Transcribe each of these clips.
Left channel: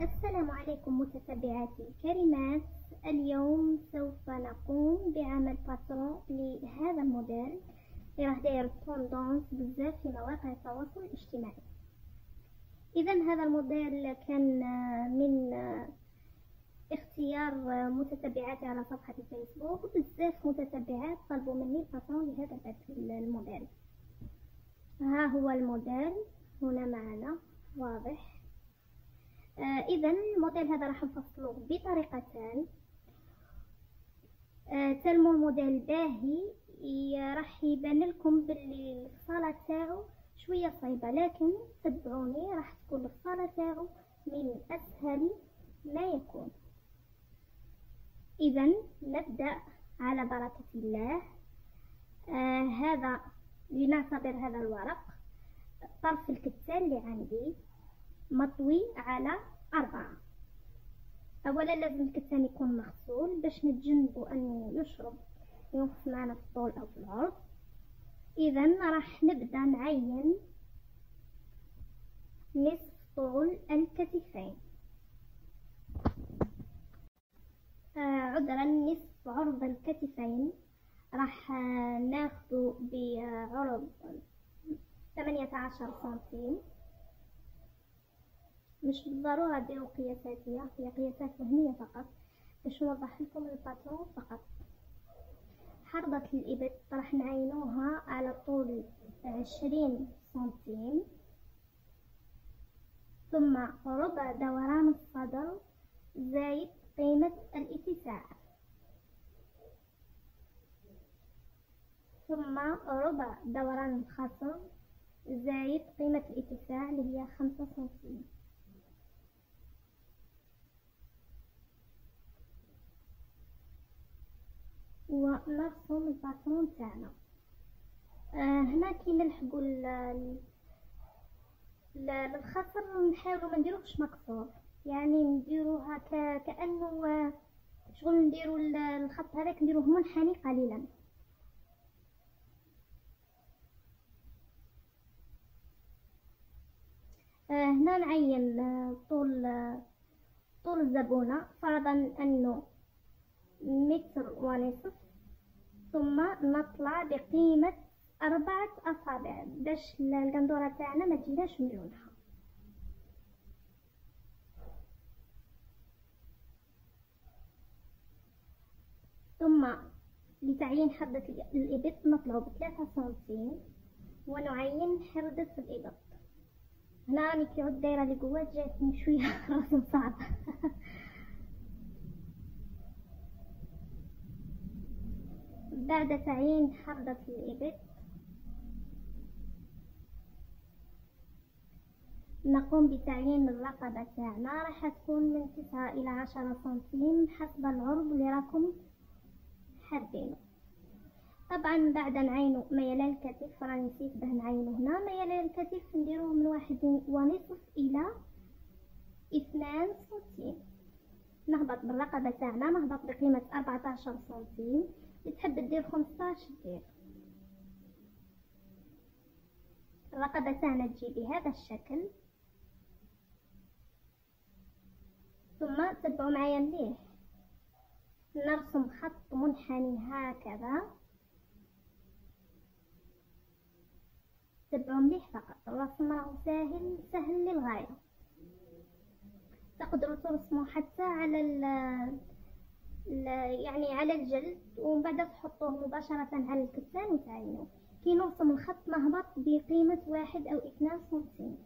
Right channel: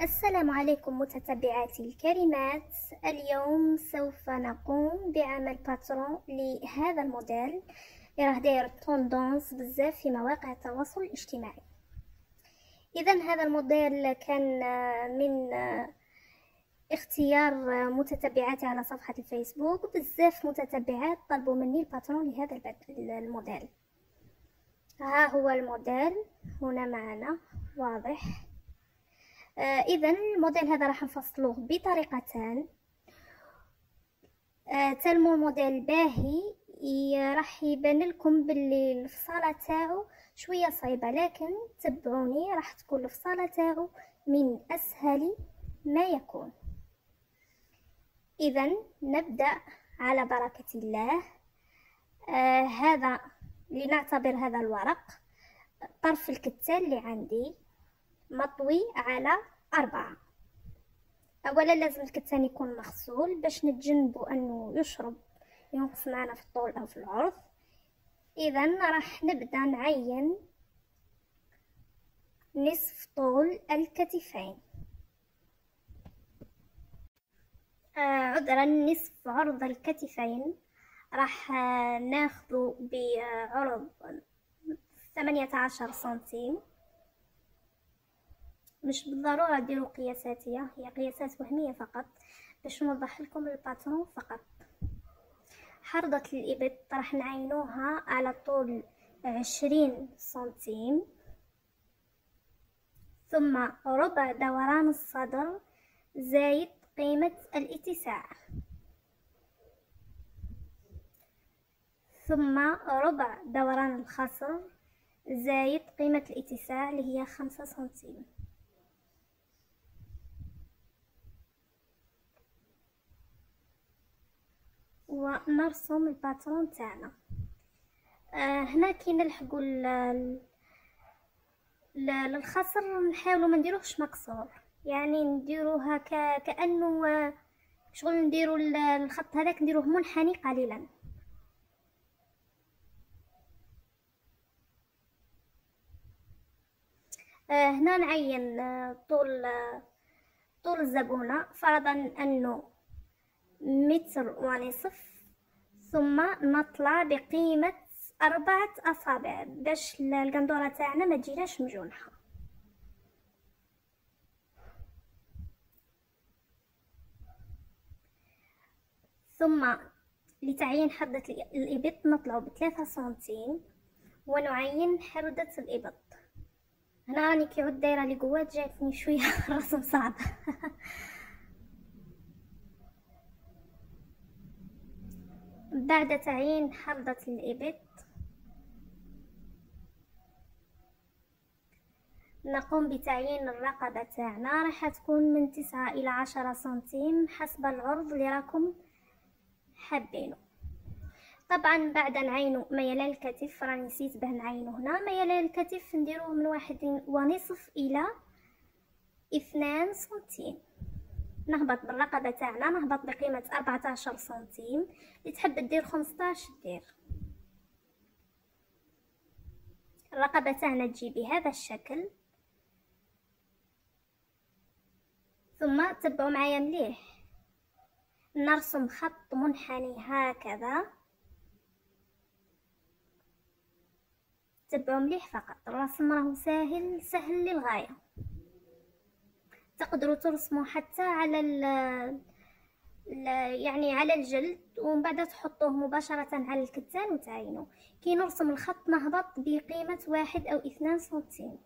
السلام عليكم متتبعاتي الكريمات. اليوم سوف نقوم بعمل باترون لهذا الموديل اللي راه داير توندونس بزاف في مواقع التواصل الاجتماعي. اذا هذا الموديل كان من اختيار متتبعاتي على صفحة الفيسبوك. بزاف متتبعات طلبوا مني الباترون لهذا الموديل. ها هو الموديل هنا معنا واضح. اذا الموديل هذا راح نفصلوه بطريقتان. تلمو الموديل باهي راح يبان لكم باللي الفصاله تاعو شويه صعيبه، لكن تبعوني راح تكون الفصاله تاعو من اسهل ما يكون. اذا نبدا على بركه الله. هذا لنعتبر هذا الورق طرف الكتان اللي عندي مطوي على 4. اولا لازم الكتان يكون مغسول باش نتجنبوا انه يشرب ينقص معنا في الطول او في العرض. اذا راح نبدا نعين نصف طول الكتفين، عذرا نصف عرض الكتفين. راح ناخذ بعرض 18 سنتيم. مش بالضرورة ديروا قياساتية، هي قياسات وهمية فقط باش نوضح لكم الباترون فقط. حرضة الإبط راح نعينوها على طول 20 سنتيم، ثم ربع دوران الصدر زايد قيمة الاتساع، ثم ربع دوران الخصر زايد قيمة الاتساع اللي هي 5 سنتيم. ونرسم الباترون تاعنا. هنا كي نلحقوا للخصر نحاولوا ما نديروهش مكسور، يعني نديروها كانه شغل نديروا الخط هذاك نديروه منحني قليلا. هنا نعين طول الزبونة، فرضا انه 1.5 متر، ثم نطلع بقيمة 4 أصابع باش القندورة تاعنا ما تجيناش مجونحة. ثم لتعيين حردة الإبط نطلع ب3 سنتيم ونعين حردة الإبط. هنا راني كي عود دايرة لقوات جاتني شوية الرسم صعب. بعد تعيين حردة الإبط نقوم بتعيين الرقبة تاعنا، راح تكون من 9 إلى 10 سنتيم حسب العرض اللي راكم حابينه. طبعا بعد نعينو ميلان الكتف، راني نسيت باه نعينو هنا ميلان الكتف نديروه من 1.5 إلى 2 سنتيم. نهبط بالرقبة تاعنا، نهبط بقيمة 14 سنتيم. اللي تحب دير 15 دير. الرقبة تاعنا تجي بهذا الشكل، ثم تبعوا معايا مليح. نرسم خط منحني هكذا، تبعوا مليح فقط. الرسم راهو سهل للغاية. تقدروا ترسموا حتى على يعني على الجلد، ومن بعد تحطوه مباشرة على الكتان وتعينوه. كي نرسم الخط نهبط بقيمة 1 أو 2 سنتيم.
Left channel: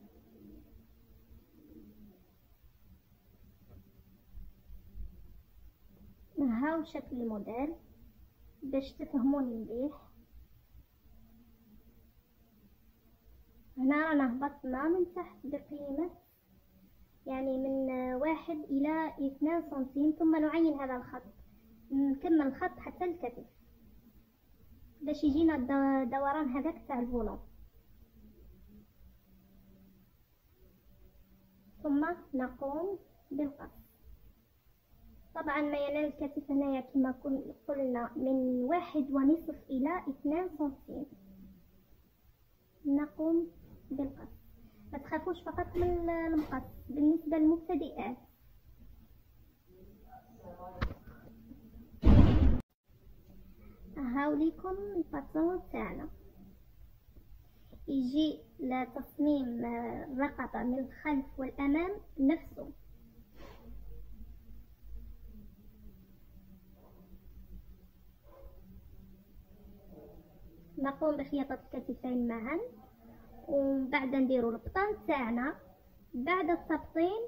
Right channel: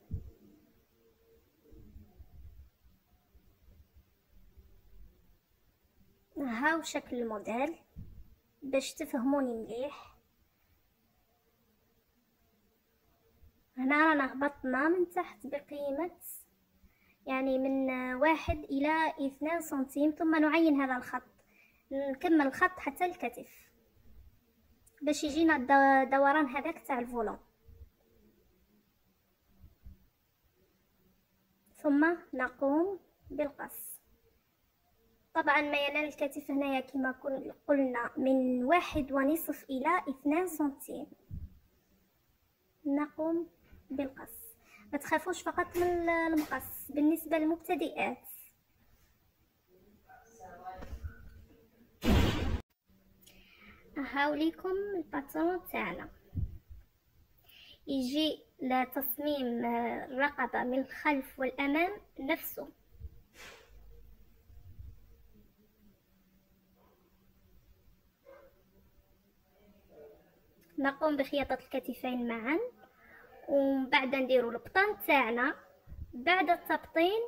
هاو شكل الموديل باش تفهموني مليح. هنا رانا هبطنا من تحت بقيمة يعني من 1 إلى 2 سنتيم، ثم نعين هذا الخط. نكمل الخط حتى الكتف باش يجينا دوران هذاك تاع الفولون. ثم نقوم بالقص. طبعا ميلان الكتف هنايا كما قلنا من 1.5 إلى 2 سنتيم. نقوم بالقص. ما تخافوش فقط من المقص بالنسبة للمبتدئات. هاوليكم الباترون تاعنا. يجي لتصميم الرقبة من الخلف والأمام نفسه. نقوم بخياطة الكتفين معا، ومن بعد نديرو البطن تاعنا. بعد التبطين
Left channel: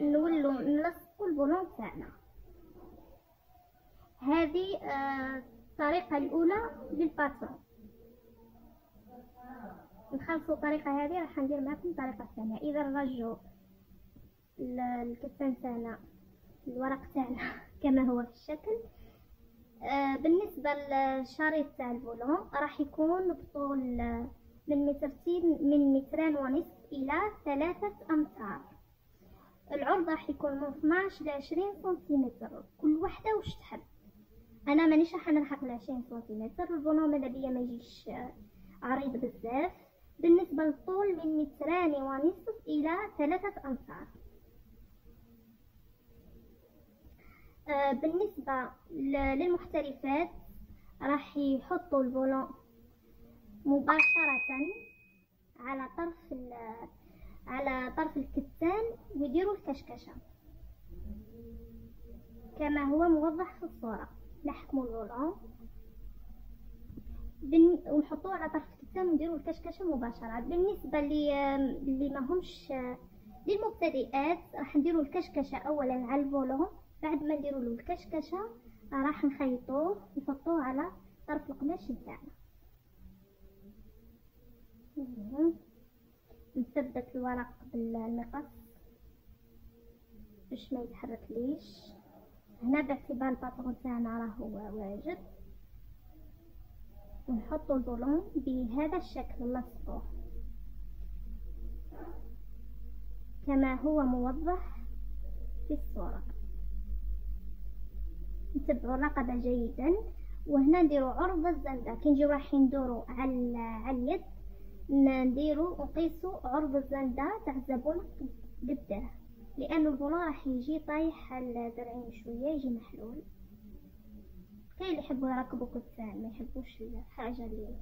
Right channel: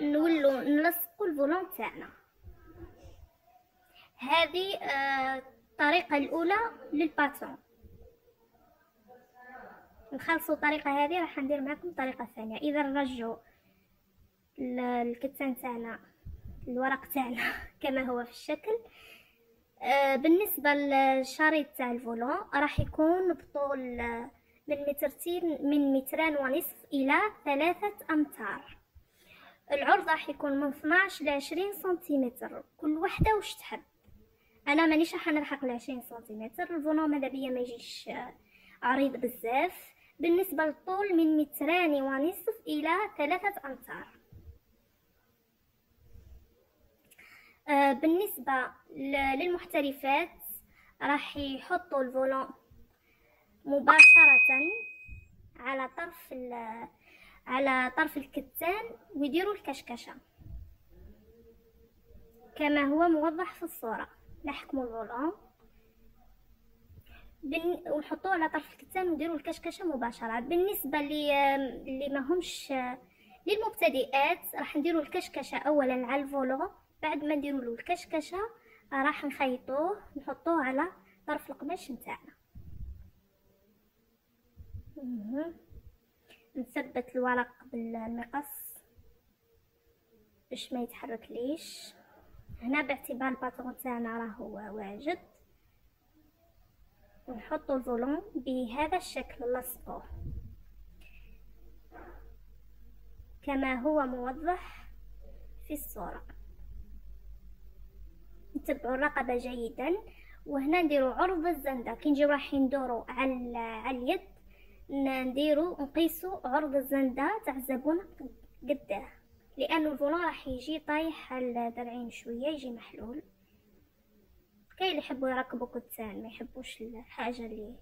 نولو نلصقو الفولون تاعنا. هذه الطريقة الأولى للباترون. نخلصوا الطريقة هذه راح ندير معكم الطريقة الثانية. إذا نرجعوا الكتان تاعنا، الورق تاعنا كما هو في الشكل. بالنسبة للشريط تاع الفولون راح يكون بطول من من 2.5 إلى 3 أمتار. العرض راح يكون من 12 ل 20 سنتيمتر، كل وحدة وش تحب. انا مانيش راح نلحق ل 20 سنتيمتر. الفولون ماذا بيا ما يجيش عريض بزاف. بالنسبة للطول من 2.5 إلى 3 أمتار. بالنسبة للمحترفات راح يحطوا الفولون مباشرة على طرف الكتان ويديروا الكشكشة كما هو موضح في الصورة. نحكموا الفولون ونحطوه على طرف الكتان ونديروا الكشكشة مباشرة. بالنسبة اللي ما همش للمبتدئات راح نديروا الكشكشة اولا على الفولون. بعد ما نديروا له الكشكشة راح نخيطوه نحطوه على طرف القماش نتاعنا. نثبت الورق بالمقص باش ما يتحرك ليش. هنا باعتبار الباترون تاعنا راهو واجد نحطو الفولون بهذا الشكل، نلصقوه كما هو موضح في الصورة. نتبعوا الرقبة جيدا. وهنا نديروا عرض الزندة. كي نجيو رايحين ندورو على اليد نقيسوا عرض الزندة تاع الزبون قداه، لأن الفولون راح يجي طايح على الذرعين شوية، يجي محلول. كاين اللي يحبوا يركبوا كتان ما يحبوش الحاجة اللي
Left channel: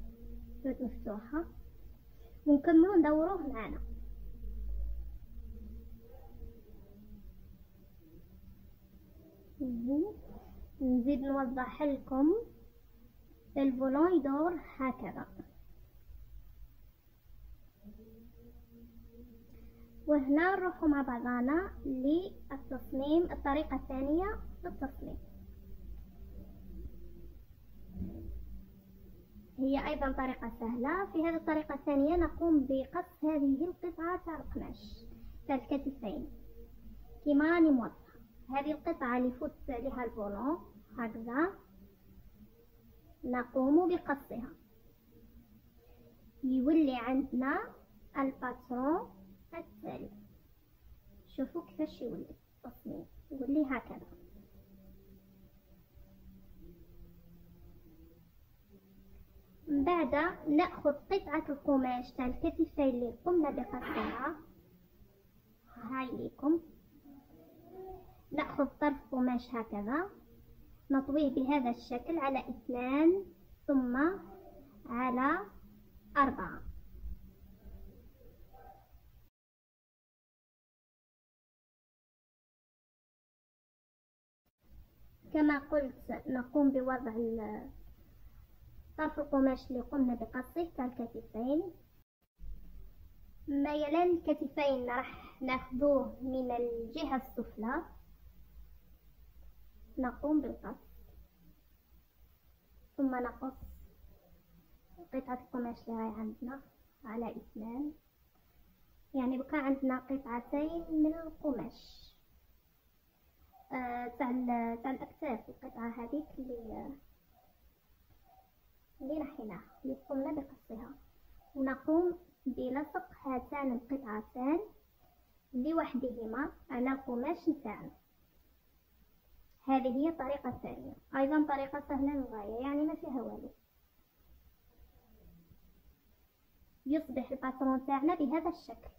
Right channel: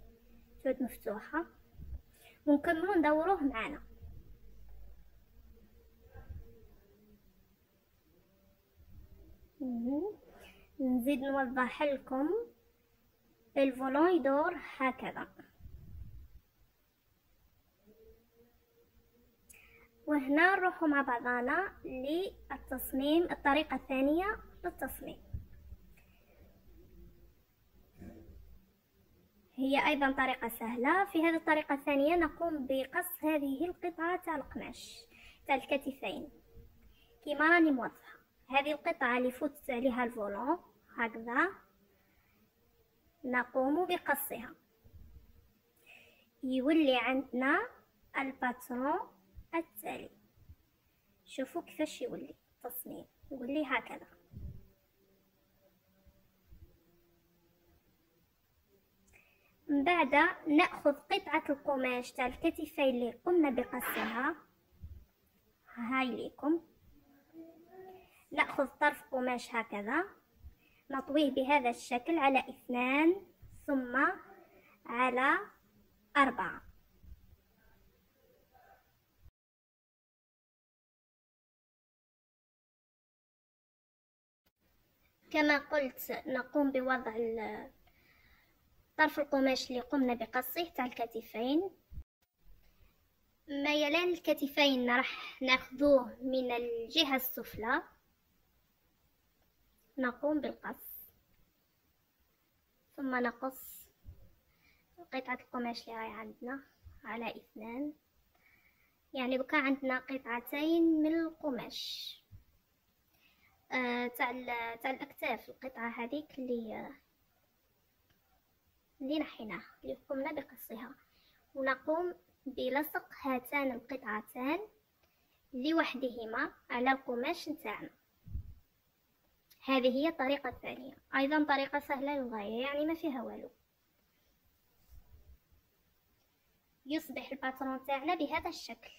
تعود مفتوحة. ونكملوا ندوروه معنا. نزيد نوضح لكم الفولون يدور هكذا. وهنا نروحوا مع بعضنا للتصميم، الطريقة الثانية للتصميم. هي ايضا طريقة سهلة. في هذه الطريقة الثانية نقوم بقص هذه القطعة تاع القماش تاع الكتفين كيما راني موضحة. هذه القطعة اللي فوت عليها الفولون هكذا نقوم بقصها. يولي عندنا الباترون التالي. شوفوا كيفاش يولي التصميم، يولي هكذا. بعد ناخذ قطعة القماش تاع الكتفين اللي قمنا بقصها، هاي ليكم. ناخذ طرف قماش هكذا نطويه بهذا الشكل على 2 ثم على 4. كما قلت نقوم بوضع طرف القماش اللي قمنا بقصه تاع الكتفين. ميلان الكتفين راح ناخذوه من الجهة السفلى. نقوم بالقص ثم نقص قطعة القماش اللي هاي عندنا على 2. يعني بقى عندنا قطعتين من القماش تاع الاكتاف. القطعة هذيك اللي نحيناها اللي قمنا بقصها. ونقوم بلصق هاتان القطعتان لوحدهما على القماش نتاعنا. هذه هي الطريقة الثانية، ايضا طريقة سهلة للغاية، يعني ما فيها والو. يصبح الباترون تاعنا بهذا الشكل.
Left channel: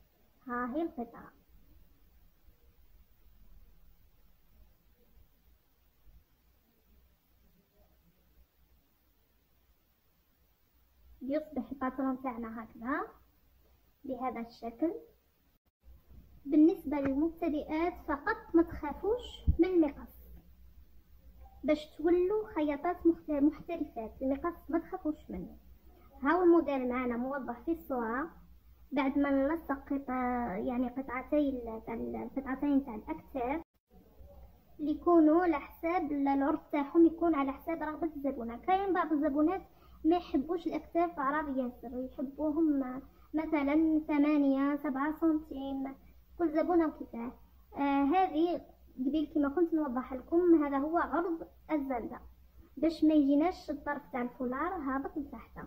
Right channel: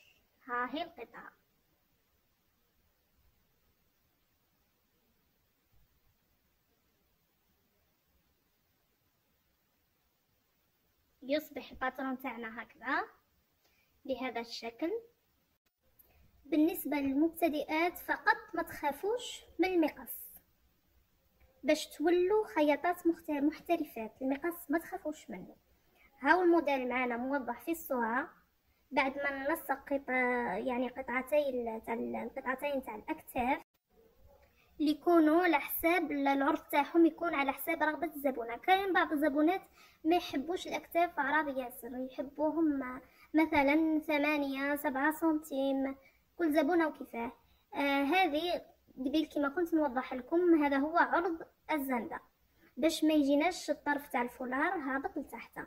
ها هي القطعة. يصبح الباترون تاعنا هكذا بهذا الشكل. بالنسبة للمبتدئات فقط ما تخافوش من المقص باش تولوا خياطات محترفات. المقص ما تخافوش منه. هاو الموديل معنا موضح في الصورة. بعد ما نلصق يعني القطعتين تاع الاكتاف اللي يكونوا على حساب العرض تاعهم، يكون على حساب رغبة الزبونة. كاين بعض الزبونات ما يحبوش الاكتاف عراض ياسر، يحبوهم مثلا 8-7 سنتيم، كل زبونة وكيفاه. هذه قبيل كما كنت نوضح لكم، هذا هو عرض الزندة باش ما يجيناش الطرف تاع الفولار هابط لتحت.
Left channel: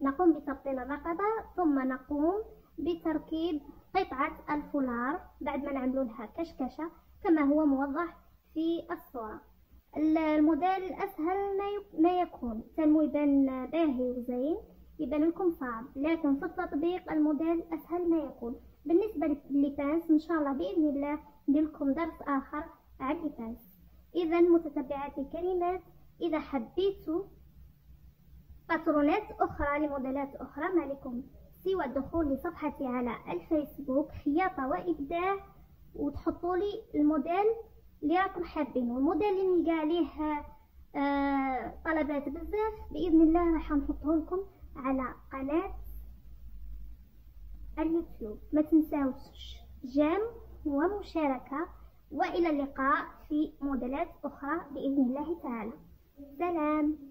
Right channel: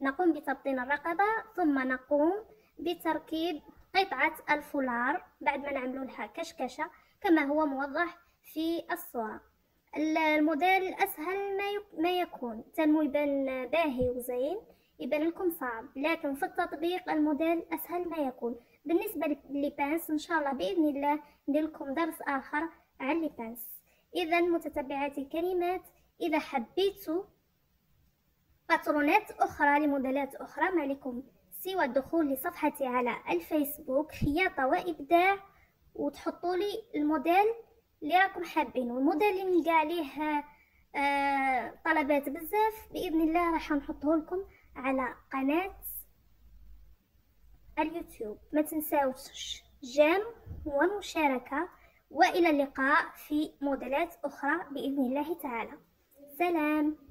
نقوم بتبطين الرقبة ثم نقوم بتركيب قطعة الفولار بعد ما نعملوا لها كشكشة كما هو موضح في الصورة. الموديل اسهل ما يكون، تنمو يبان باهي وزين، يبان لكم صعب، لكن في التطبيق الموديل اسهل ما يكون. بالنسبة للبانس ان شاء الله باذن الله ندير لكم درس اخر عن اللبانس. اذا متتبعاتي الكريمات، اذا حبيتوا باترونات اخرى لموديلات اخرى ما عليكم سوى الدخول لصفحتي على الفيسبوك خياطة وابداع، وتحطوا لي الموديل اللي راكم حابينه. الموديل اللي نلقى عليه طلبات بزاف باذن الله راح نحطه لكم على قناة اليوتيوب. ما تنساوش جيم ومشاركة، والى اللقاء في موديلات اخرى باذن الله تعالى. سلام.